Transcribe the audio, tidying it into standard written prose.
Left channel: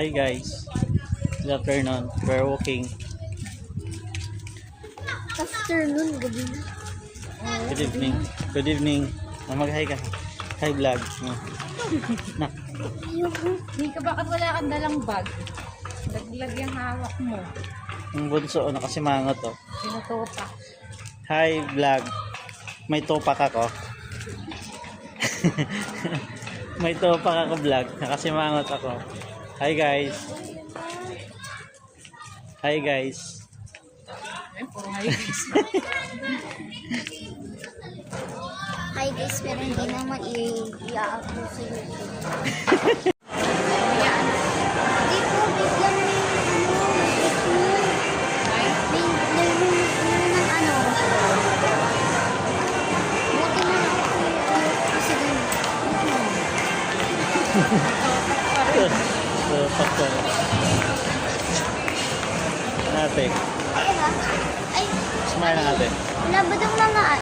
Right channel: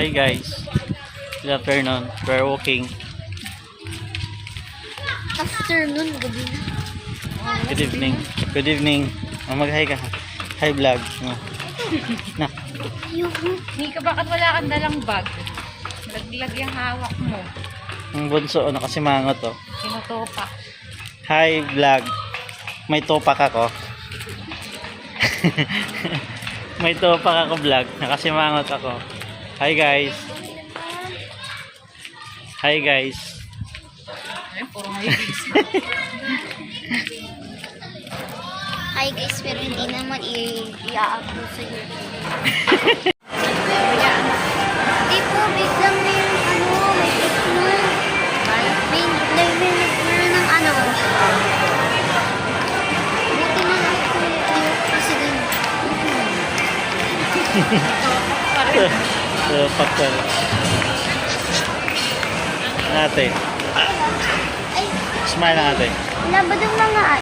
Hi guys, good afternoon. We're walking. Afternoon, gabi na. Good evening. Good evening. Mag-hi ka. Hi vlog. No. Na. Ayoko. Nika, bakit wala kang dalang bag? Laglag yung hawak mo. Ang bunso, nakasimangot to. Sinutupa. Hi vlog. May topak ako. May topak ako vlog. Nakasimangot ako. Hi guys. Hi guys. Ay, puro high-vis. Hi guys, pero hindi naman i-upload sa YouTube. Ayan. Hindi po, big lang na yung may big na. Ay, May ng buti na lang po yung president. topak pa rin. Topak ko. Ate. Ay, Smile lang ate. labadang lang na